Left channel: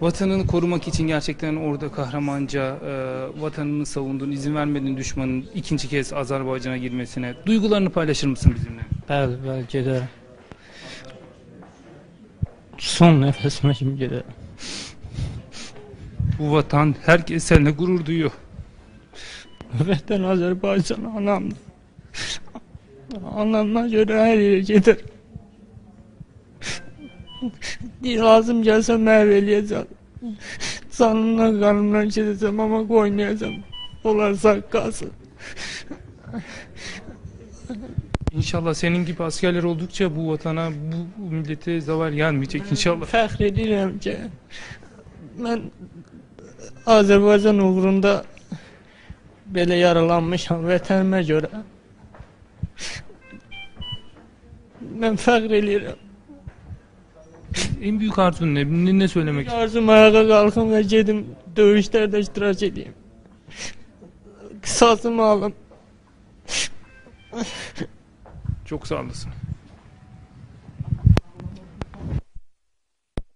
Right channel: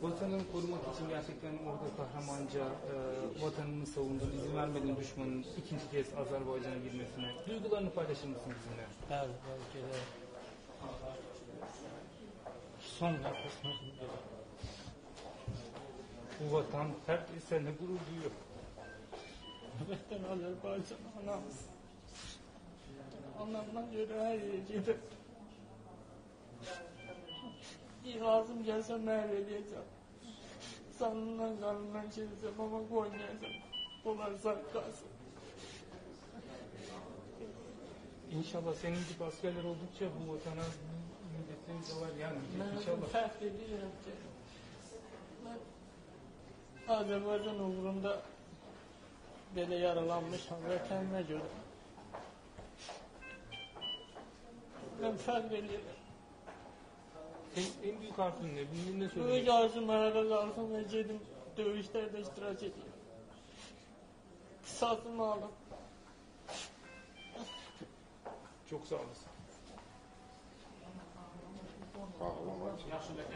Vatanını korumak için gerçekten orada kahramanca vatanını savundun, izin vermedin düşmanın ikinci kez Azerbaycan'a girmesine. Duygularını paylaşır mısın bizimle? Bəli, bəli, gedərəm. Son nəfəsimə kimi gedərəm. Bu vatan herkes seninle gurur duyuyor. Vətən Azərbaycan anamdır. Anamla görə hər yerə gedər. Lazım gəlsə məhv eləyəcəm. Canımdan, qanımdan gedəcəm, amma qoymayacam. Onlar sağ qalsın. İnşallah senin gibi askerler oldukça bu vatana, bu millete zavar gelmeyecek inşallah. Fəxr edirəm ki, mən Azərbaycan uğrunda belə yaralanmışam vətənimə görə. Mən fəxr edirəm. En büyük arzun ne? Ne söylemek istiyorsun? Arzum ayağa qalxım və gedim döyüşlərdə iştirak edeyim. Qisasımı alım. Çok sağ olasın.